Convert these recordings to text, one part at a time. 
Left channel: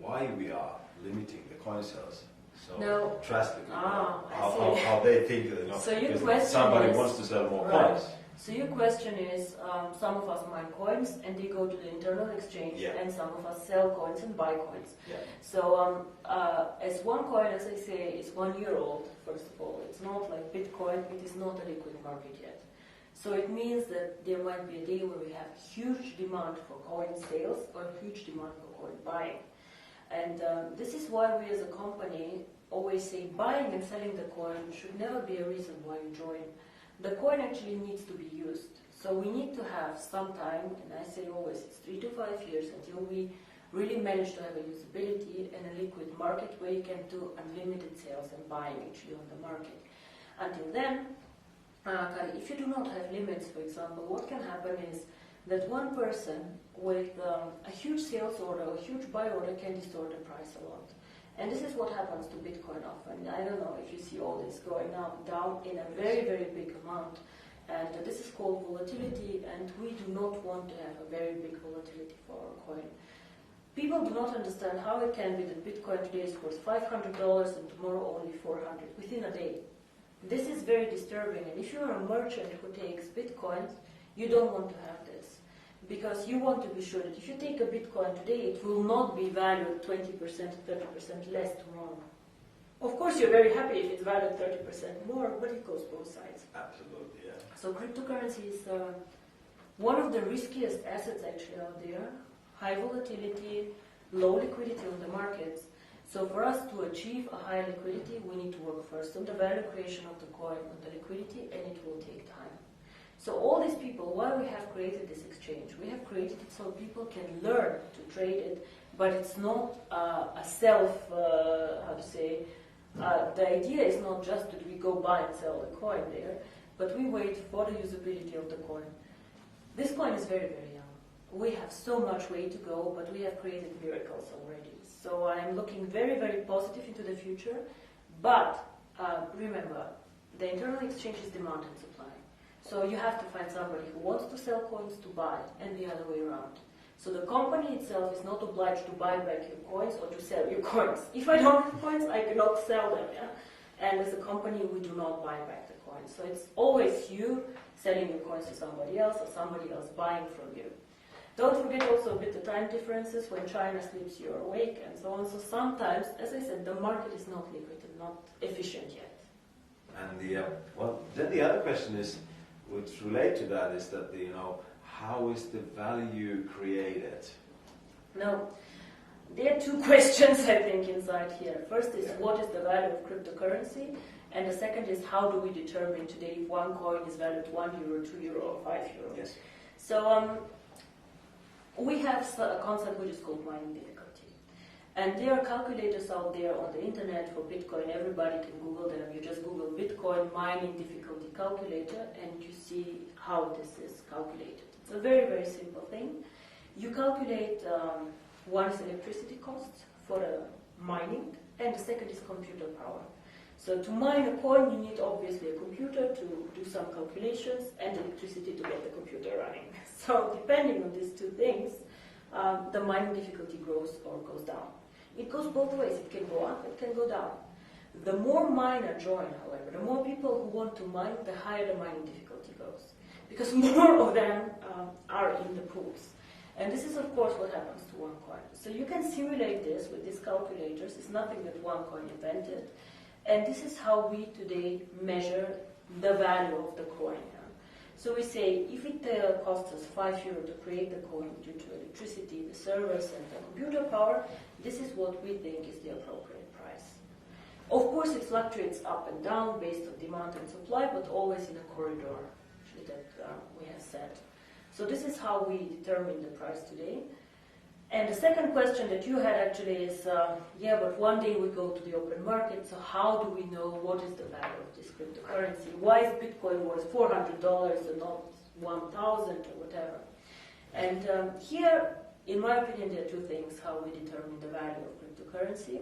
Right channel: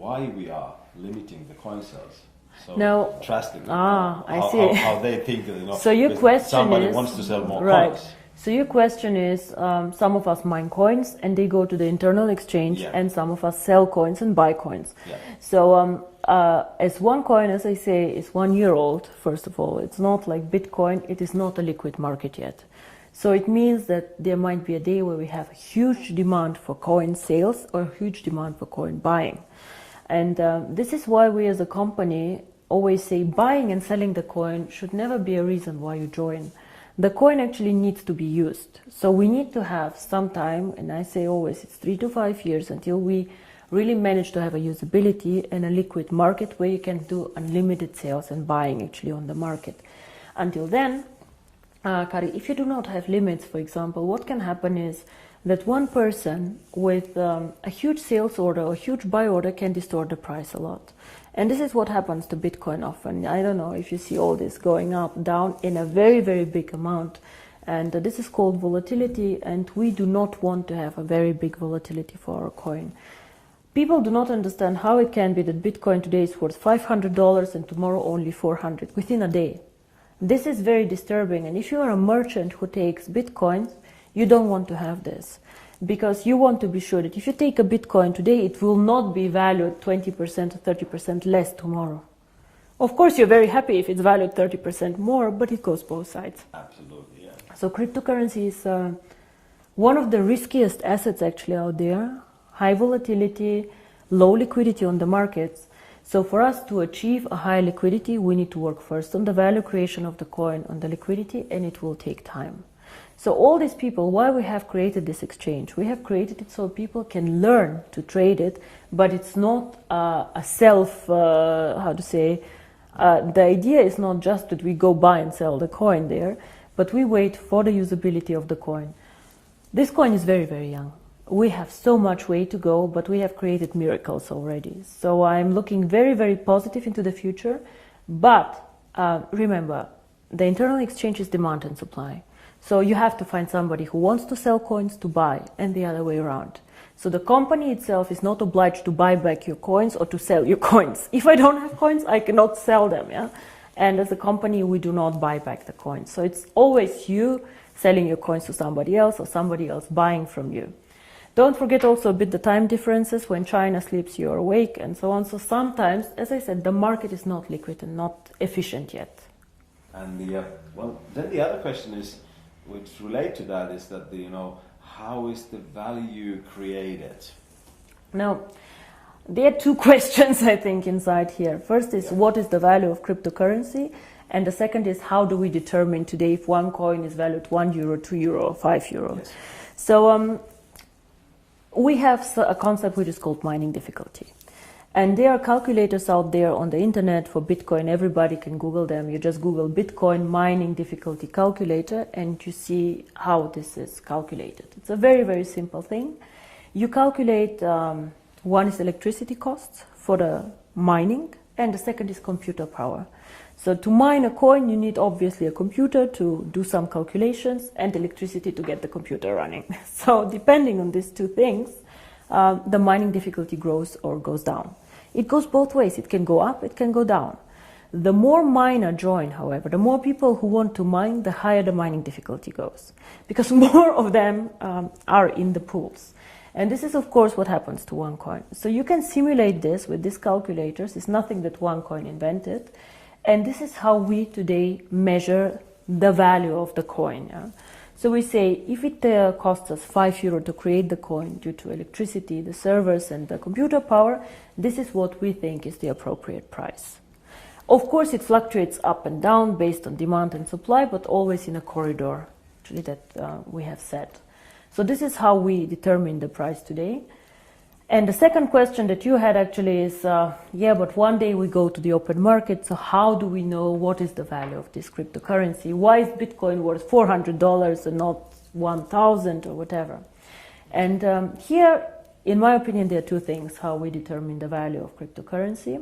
why we are limiting the coin sales so No. drastically. I see. How they think, So your question somebody is, wants to sell more right. coins. So your question is, some of us mine coins and they go to the internal exchange, Yeah. and some of us sell coins and buy coins. Yeah. So as one coin, as I say, is 1 year old, first of all, it's not like Bitcoin, it is not a liquid market yet. So it means that there might be a day where we have a huge demand for coin sales or a huge demand for coin buying. And this is why we as a company always say buying and selling the coin should never be a reason why you join. The coin actually needs to be used. So we need to have some time, and I say always it's 3 to 5 years until we really manage to have a usability and a liquid market where you can do unlimited sales and buying actually on the market. Until then, Kari, if you do not have limits, for example, what can happen is that one person with a huge sales order or huge buy order can distort the price a lot. And this is what happens to Bitcoin often. I don't know if you see all this going up, down in a very, very big amount. And this is called volatility, and we do not want to have a very big volatility for our coin. People do not understand how it can be that Bitcoin today is worth $500 and tomorrow only 400 within a day. This is very disturbing, and if you are a merchant who takes Bitcoins, you don't want to have this, because you want to be sure that if you take a Bitcoin today, it will not be valued 20% or 30% less tomorrow. Of course, you're very happy if it's valued 30% more, but it goes both sides. Absolutely, yeah. So cryptocurrency is one of the riskiest assets actually out there. High volatility, low liquidity on the markets. So for us to achieve a high liquidity, we need to work first on the value creation of the coin, on the liquidity, and it will take time. So all these people, why we have created this exchange? We have created it so people can learn to trade it, but it's not a self, the idea is not just that we go buy and sell the coin there, but we wait for the usability of the coin. This coin is very, very young. We have so much way to go, but we have created miracles already. So I'm looking very, very positive into the future. But remember, the internal exchange is demand and supply. So you have to find somebody who wants to sell coins to buy, and the other way around. So the company itself is not obliged to buy back your coins or to sell your coins. If I don't have coins, I cannot sell them. Yeah? And as a company, we do not buy back the coins. So it's always you selling your coins to somebody else or somebody else buying from you. Don't forget also a bit the time differences. When China sleeps, you're awake, and so on. So sometimes, as I said, the market is not liquid and not efficient yet. And then the other question is, which relate to that, is that how is the value created? Now, there are two questions I think inside here. First is what is the value of cryptocurrency, and the second is how do we determine today if one coin is valued €1, €2, or €5? Yes. So we have a concept which is called mining difficulty. And there are calculators out there on the internet for Bitcoin. Everybody can Google them. You just Google Bitcoin mining difficulty calculator and you see how this is calculated. It's a very, very simple thing. You calculate, one is electricity costs for the mining, and the second is computer power. So to mine a coin, you need obviously a computer to do some calculations and electricity to get the computer running. So depending on these two things, the mining difficulty grows or goes down. It goes both ways. It can go up, it can go down. The more miner join, however, the more people who want to mine, the higher the mining difficulty goes, because more of them are in the pools. And this is, of course, what happens to one coin. So you can simulate this with these calculators. It's nothing that one coin invented. And this is how we today measure the value of the coin. Yeah? So we say if it costs us €5 to create the coin due to electricity, the servers and the computer power, this is what we think is the appropriate price. Of course, it fluctuates up and down based on demand and supply, but always in a corridor actually that we have set. So this is how we determine the price today. And the second question that you had actually is, but one day we go to the open market, so how do we know what is the value of this cryptocurrency? Why is Bitcoin worth $400 and not 1,000 or whatever? And here, in my opinion, there are two things how we determine the value of cryptocurrency.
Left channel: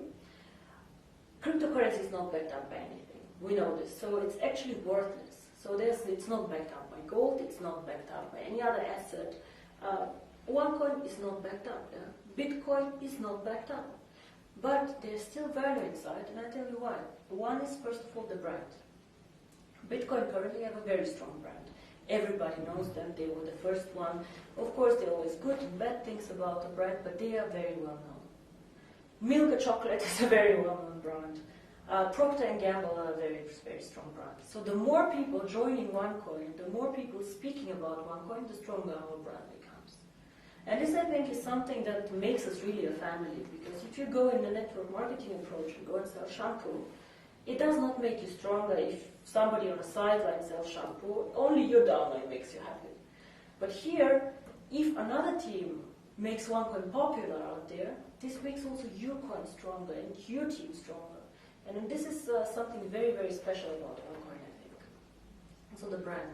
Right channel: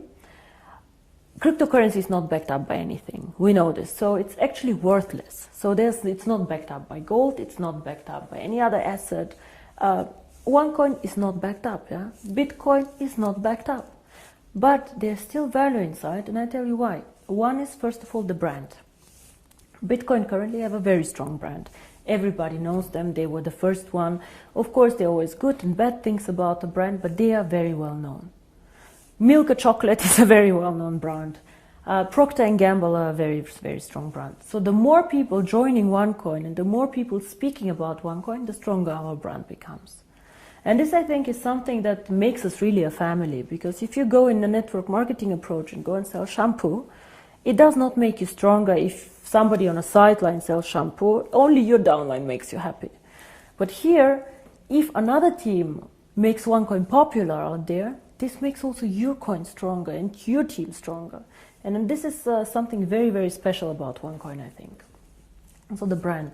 Cryptocurrency is not backed up by anything. We know this. So it's actually worthless. So it's not backed up by gold. It's not backed up by any other asset. OneCoin is not backed up. Yeah? Bitcoin is not backed up. But there's still value inside, and I tell you why. One is, first of all, the brand. Bitcoin currently have a very strong brand. Everybody knows them. They were the first one. Of course, there are always good and bad things about the brand, but they are very well known. Milka Chocolate is a very well-known brand. Procter & Gamble are a very, very strong brand. So the more people joining OneCoin and the more people speaking about OneCoin, the stronger our brand becomes. And this, I think, is something that makes us really a family, because if you go in the network marketing approach and go and sell shampoo, it does not make you stronger if somebody on a sideline sells shampoo. Only your downline makes you happy. But here, if another team makes OneCoin popular out there, this makes also your coin stronger and your team stronger. And this is something very, very special about OneCoin, I think. And so the brand.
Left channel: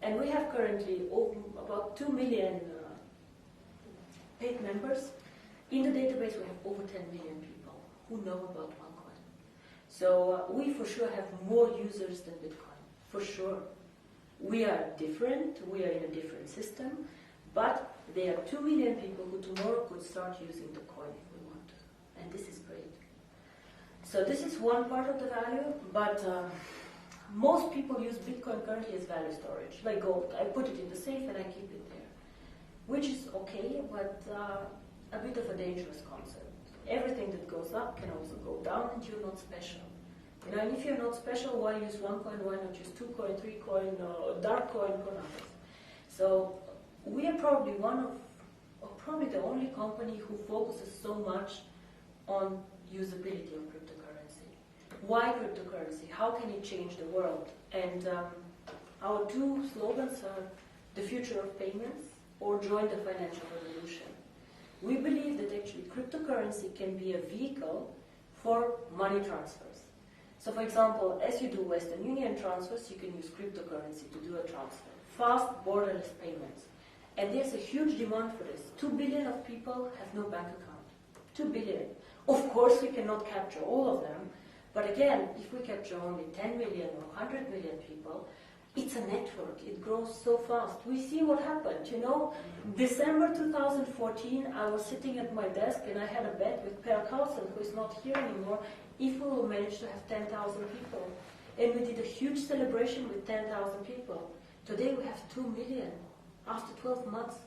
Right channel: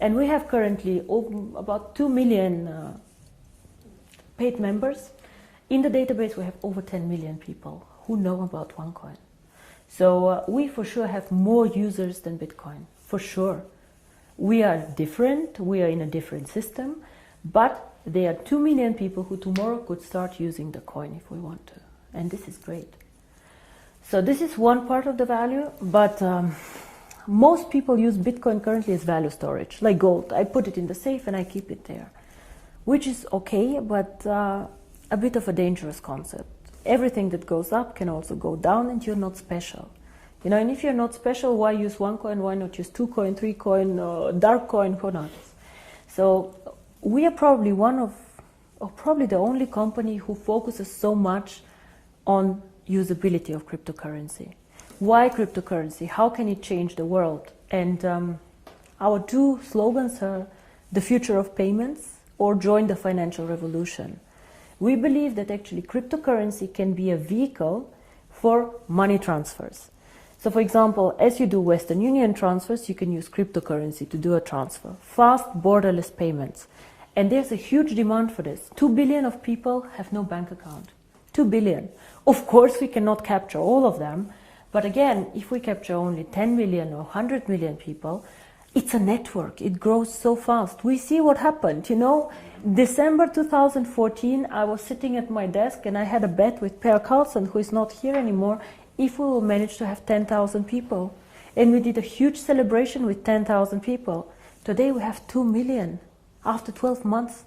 And we have currently about 2 million paid members. In the database, we have over 10 million people who know about OneCoin. So we for sure have more users than Bitcoin, for sure. We are different, we are in a different system, but there are 2 million people who tomorrow could start using the coin if we want to. And this is great. So this is one part of the value, but most people use Bitcoin currently as value storage, like gold. I put it in the safe and I keep it there, which is okay, but a bit of a dangerous concept. Everything that goes up can also go down, and you're not special. You know, and if you're not special, why use OneCoin? Why not use 2Coin, 3Coin, dark coin, who knows? So we are probably one of, or probably the only company who focuses so much on usability of cryptocurrency. Why cryptocurrency? How can it change the world? And our two slogans are the future of payments or join the financial revolution. We believe that actually cryptocurrency can be a vehicle for money transfers. So for example, as you do Western Union transfers, you can use cryptocurrency to do a transfer. Fast, borderless payments. And there's a huge demand for this. 2 billion of people have no bank account. 2 billion. Of course, we cannot capture all of them. But again, if we capture only 10 million or 100 million people, it's a network. It grows so fast. We see what happened. You know, December 2014, I was sitting at my desk and I had a bet with Per Carlson, who is not here anymore, if we will manage to have 10,000 people. And we did a huge celebration with 10,000 people. Today we have 2 million after 12 months.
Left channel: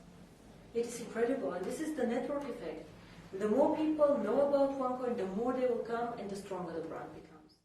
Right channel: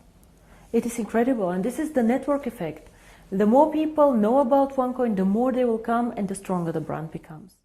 It is incredible. And this is the network effect. The more people know about OneCoin, the more they will come and the stronger the brand becomes.